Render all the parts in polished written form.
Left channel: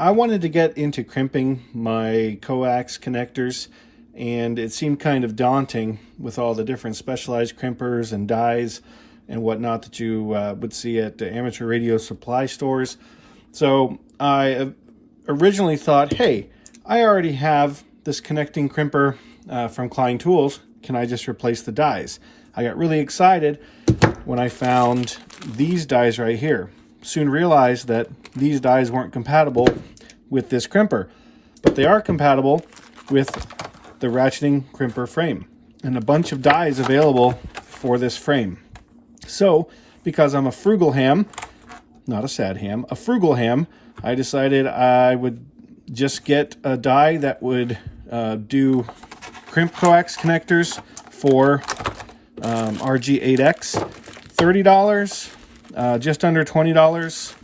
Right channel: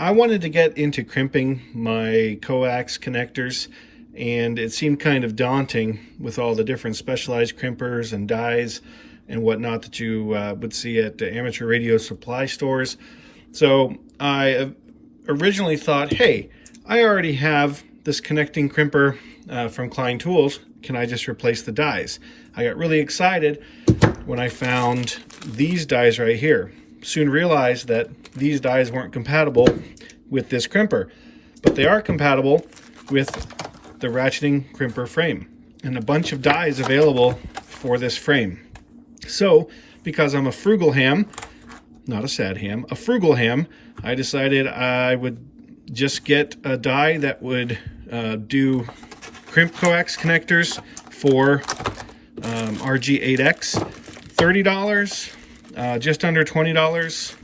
I wanted to get into crimping my coax connectors, and it seemed kind of daunting with all the different specialized crimpers and dies and whatnot that you would see at the amateur radio supply stores. So I originally thought, hey, I already have this connecting crimper from Klein tools. Can I just replace the dies? I got really excited when I found these dies right here. Soon realized that these dies weren't compatible with this crimper, but they are compatible with the ratcheting crimper frame, and a bunch of dies available for this frame. So because I'm a frugal ham, not a sad ham, a frugal ham, I decided I would just get a die that would do crimp coax connectors for RG8X. $30, just under $20.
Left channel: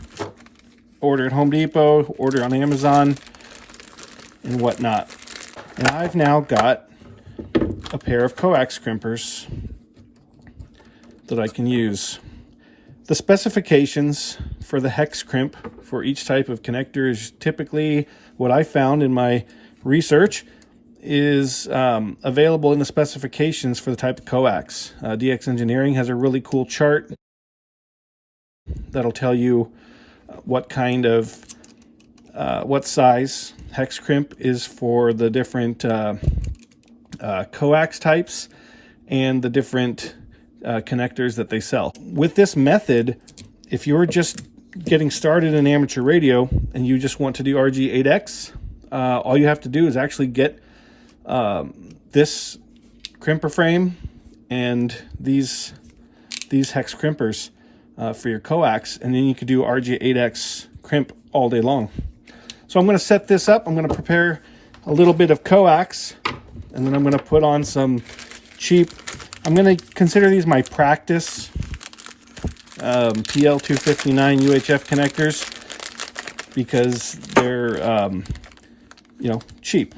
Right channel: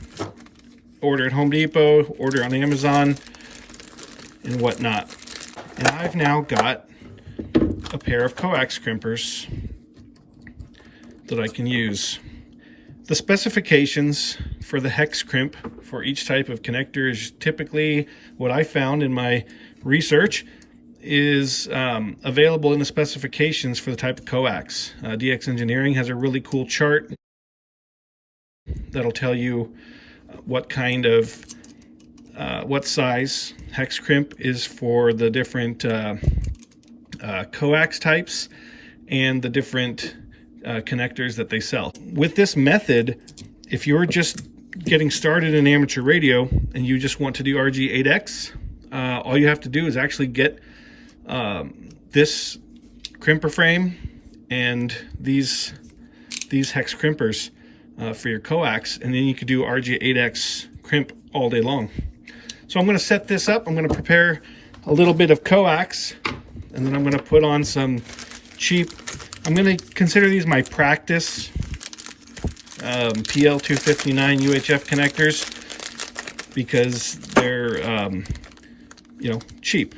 Order at Home Depot, order on Amazon, and whatnot. And I've now got a pair of coax crimpers that I can use. The specifications for the hex crimp for each type of connector is typically what I found in my research is available in the specifications for the type of coax. DX Engineering has a really cool chart that'll tell you what kind of what size hex crimp is for the different coax types and the different connectors that they sell. With this method, if you're just getting started in amateur radio and you just want to do RG8X, all you have to do is actually get this crimper frame and these hex crimpers for your coax, and then you could do RG8X crimp all day long. So I'm going to set this up. I'm going to prepare a little bit of coax, and then I'm going to put on some cheap, I'm going to consider these my practice PL259 UHF connectors, because they're you know, cheap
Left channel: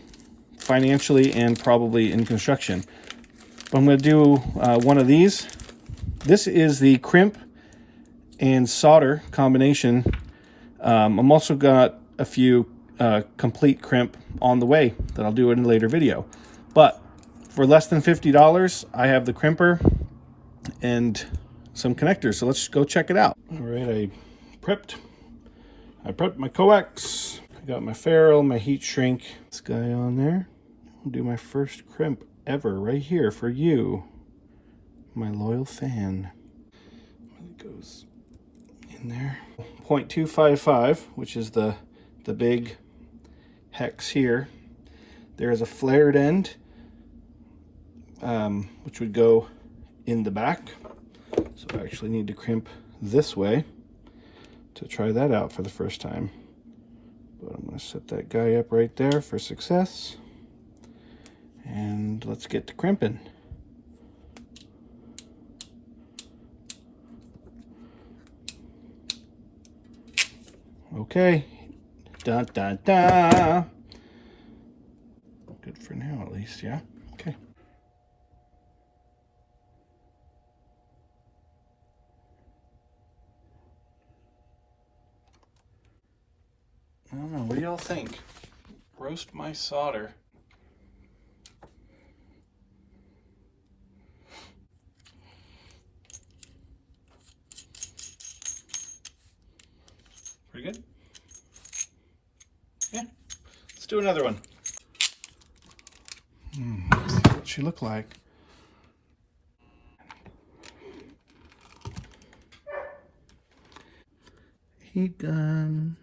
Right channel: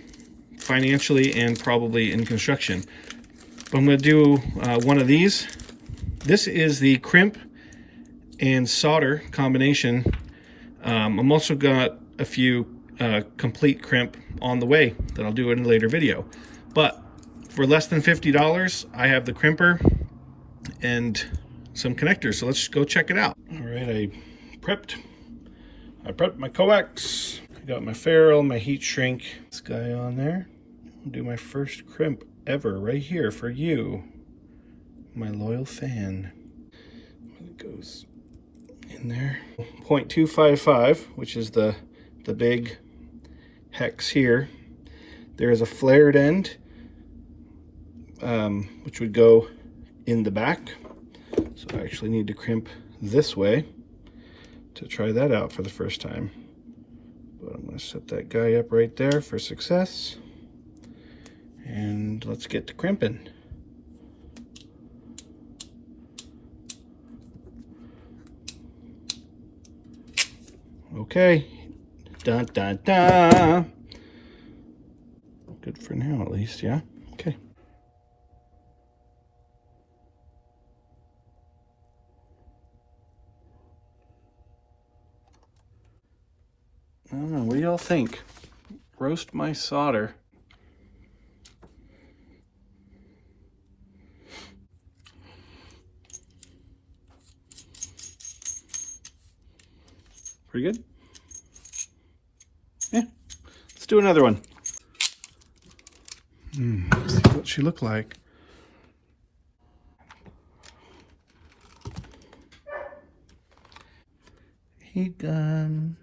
financially and probably in construction. But I'm going to do one of these. This is the crimp and solder combination. I'm also got a few complete crimp on the way that I'll do in a later video. But for less than $50, I have the crimper and some connectors. So let's go check it out. All right, I prepped my coax. I got my ferrule, my heat shrink. This guy on there. I'll do my first crimp ever right here for you, my loyal fan. It goes in there. 0.255, which is the big hex here. There is a flared end, which would go in the back. So I actually need to crimp this way to try that out for the first time. But I'm going to set that guy up right there for success. And let's get to crimping. Okay. Dun, dun, dun. Good for now, at least, yeah? Okay. What do y'all think? Roast my solder. Pretty good? Yeah. Let's do another one. Let's see what she looked like. Heat gun.